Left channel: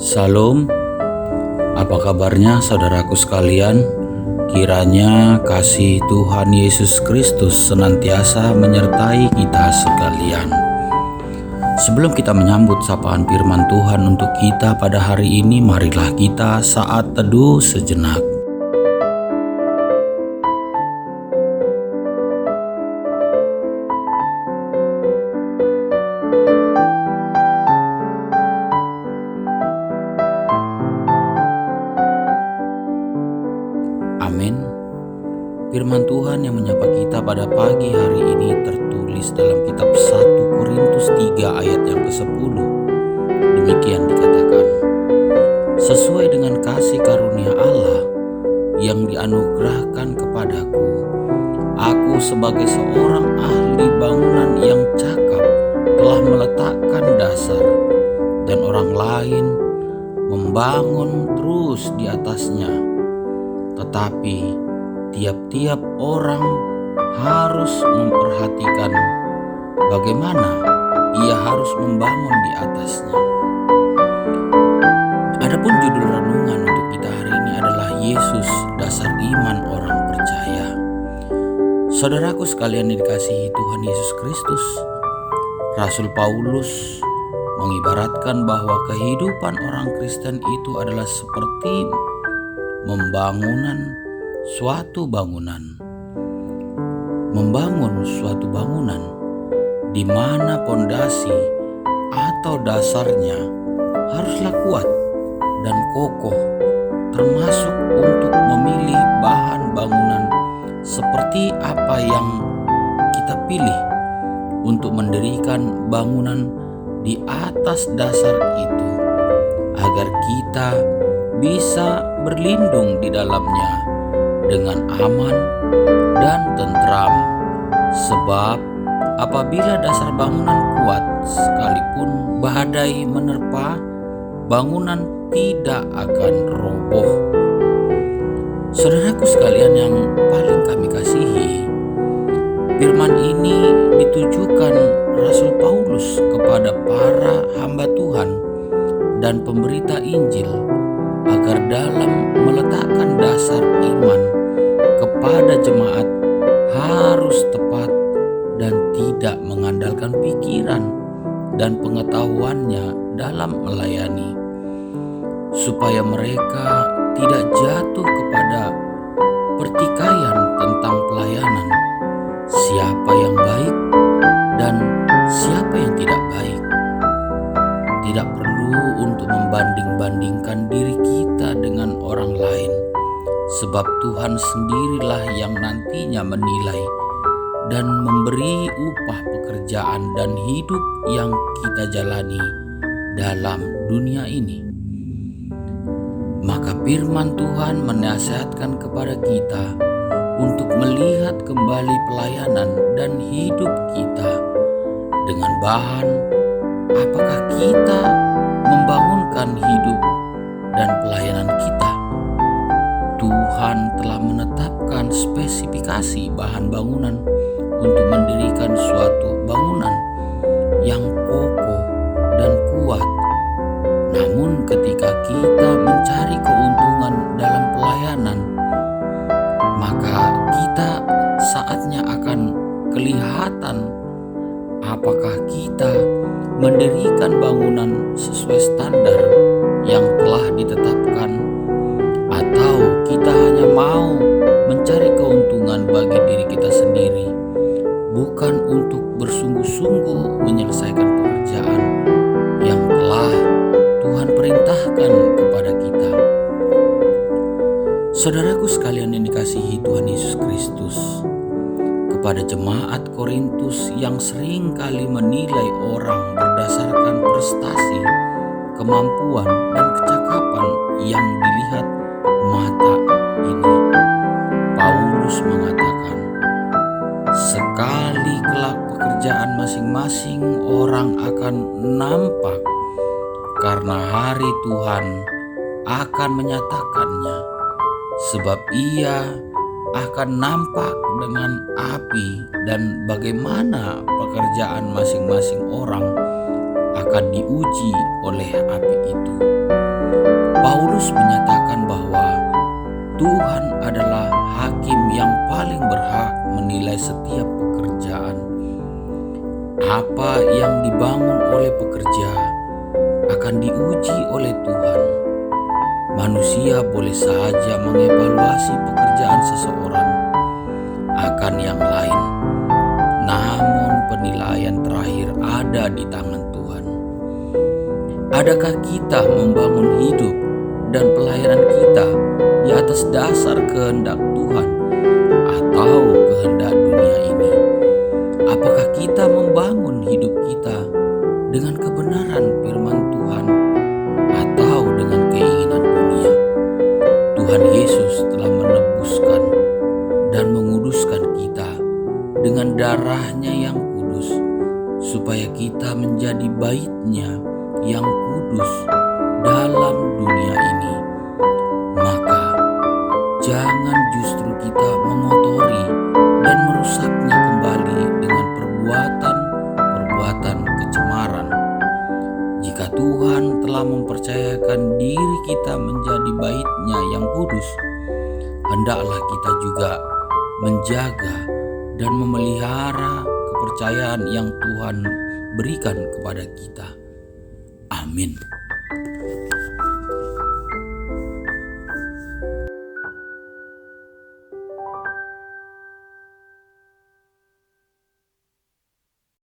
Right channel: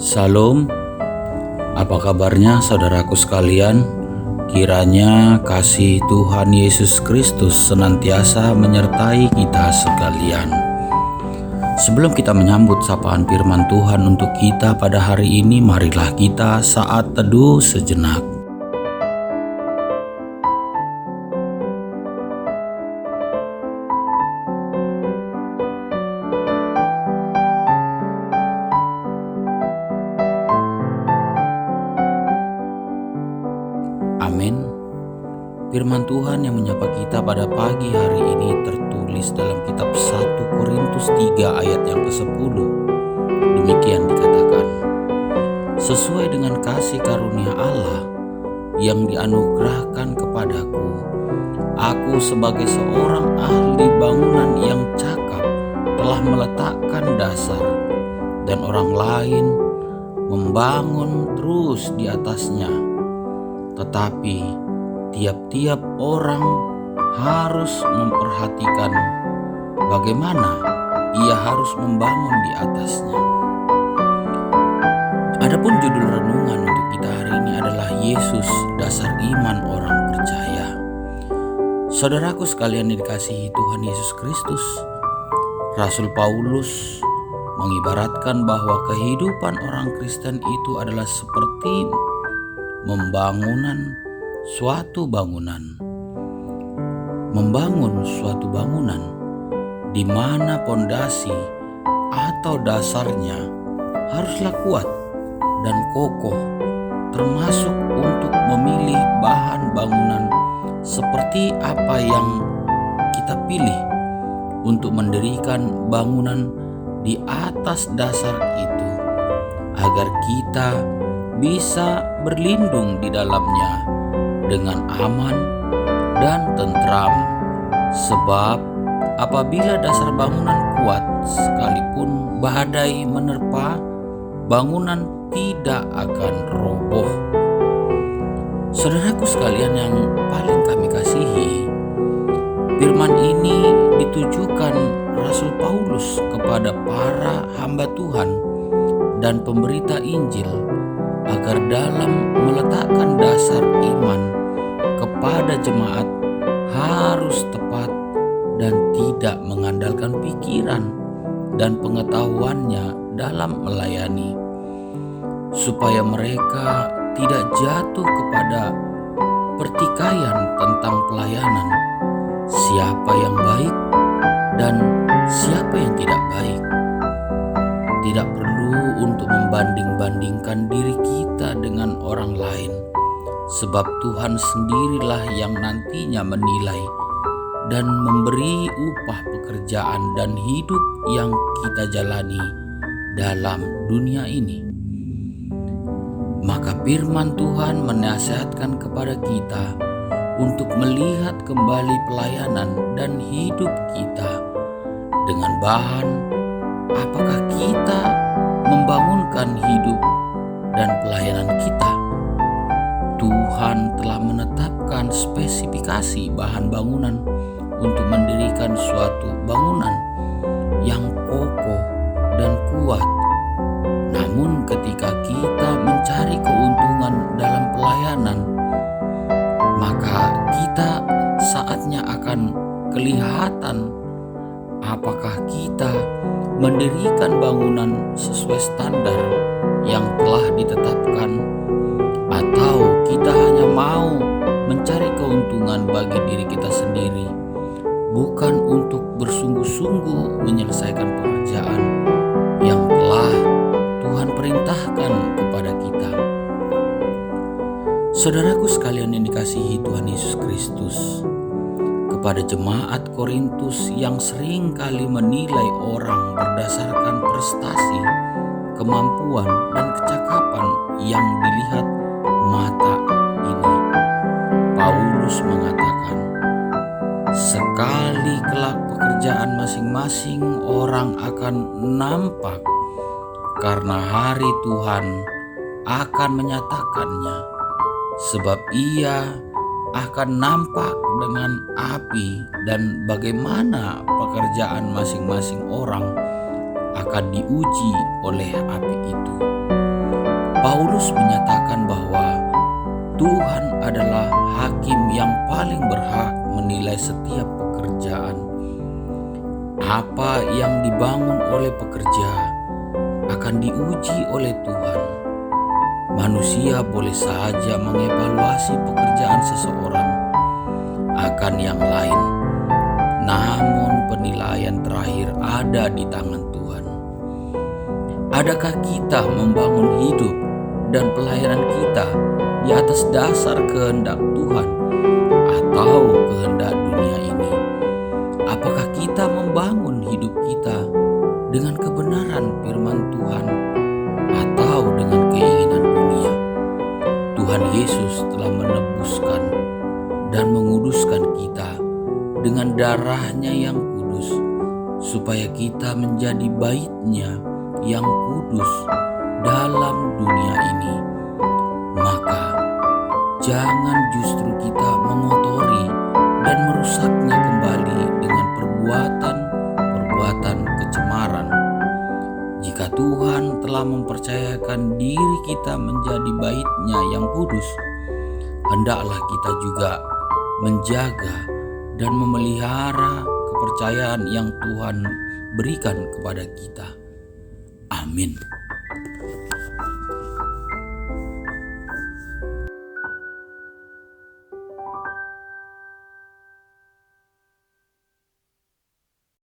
Salam, apa kabarnya saudaraku sekalian? Kiranya kasih Tuhan Yesus Kristus senantiasa menyertai kita sekalian. Sebelum kita menyambut sapaan firman Tuhan untuk kita pada hari ini, marilah kita saat teduh sejenak. Amin. Firman Tuhan yang menyapa kita pada pagi hari ini tertulis dalam kitab 1 Korintus 3 ayat yang ke-10. Demikian dikatakan, sesuai dengan kasih karunia Allah yang dianugerahkan kepadaku, aku sebagai seorang ahli bangunan yang cakap telah meletakkan dasar, dan orang lain membangun terus di atasnya. Tetapi tiap-tiap orang harus memperhatikan bagaimana ia harus membangun di atasnya. Adapun judul renungan untuk kita hari ini adalah Yesus, dasar iman orang percaya. Saudaraku sekalian yang dikasihi Tuhan Yesus Kristus, Rasul Paulus mengibaratkan bahwa kehidupan orang Kristen itu adalah seperti membangun suatu bangunan di mana pondasi atau dasarnya haruslah kuat dan kokoh, termasuk untuk memilih bahan bangunan seperti apa yang kita pilih untuk mendirikan bangunan di atas dasar itu, agar kita bisa berlindung di dalamnya dengan aman dan tentram. Sebab apabila dasar bangunan kuat, sekalipun badai menerpa, bangunan tidak akan roboh. Saudaraku sekalian yang paling kami kasihi, firman ini ditujukan Rasul Paulus kepada para hamba Tuhan dan pemberita Injil, agar dalam meletakkan dasar iman kepada jemaat harus tepat dan tidak mengandalkan pikiran dan pengetahuannya dalam melayani, supaya mereka tidak jatuh kepada pertikaian tentang pelayanan, siapa yang baik dan siapa yang tidak baik. Tidak perlu untuk membanding-bandingkan diri kita dengan orang lain, sebab Tuhan sendirilah yang nantinya menilai dan memberi upah pekerjaan dan hidup yang kita jalani dalam dunia ini. Maka firman Tuhan menasihatkan kepada kita untuk melihat kembali pelayanan dan hidup kita dengan bahan apakah kita membangunkan hidup dan pelayanan kita. Tuhan telah menetapkan spesifikasi bahan bangunan untuk mendirikan suatu bangunan yang kokoh dan kuat. Namun ketika kita mencari keuntungan dalam pelayanan, maka kita saatnya akan kelihatan apakah kita mendirikan bangunan sesuai standar yang telah ditetapkan, atau kita hanya mau mencari keuntungan bagi diri kita sendiri, bukan untuk bersungguh-sungguh menyelesaikan pekerjaan yang telah Tuhan perintahkan kepada kita. Saudaraku sekalian yang dikasihi Tuhan Yesus Kristus, kepada jemaat Korintus yang sering kali menilai orang berdasarkan prestasi, kemampuan, dan kecakapan yang dilihat mata ini, Paulus mengatakan, sekali kelak pekerjaan masing-masing orang akan nampak, karena hari Tuhan akan menyatakannya, sebab ia akan nampak dengan api, dan bagaimana pekerjaan masing-masing orang akan diuji oleh api itu. Paulus menyatakan bahwa Tuhan adalah hakim yang paling berhak menilai setiap pekerjaan. Apa yang dibangun oleh pekerja akan diuji oleh Tuhan. Manusia boleh saja mengevaluasi pekerjaan seseorang akan yang lain, namun penilaian terakhir ada di tangan Tuhan. Adakah kita membangun hidup dan pelayanan kita di atas dasar kehendak Tuhan atau kehendak dunia ini? Apakah kita membangun hidup kita dengan kebenaran firman Tuhan atau dengan keinginan dunia? Tuhan Yesus telah menebuskan dan menguduskan kita dengan darah-Nya yang kudus, supaya kita menjadi bait-Nya yang kudus dalam dunia ini. Maka jangan justru kita mengotori dan merusaknya kembali dengan perbuatan kecemaran. Jika Tuhan telah mempercayakan diri kita menjadi bait-Nya yang kudus, hendaklah kita juga menjaga dan memelihara kepercayaan yang Tuhan berikan kepada kita. Amin.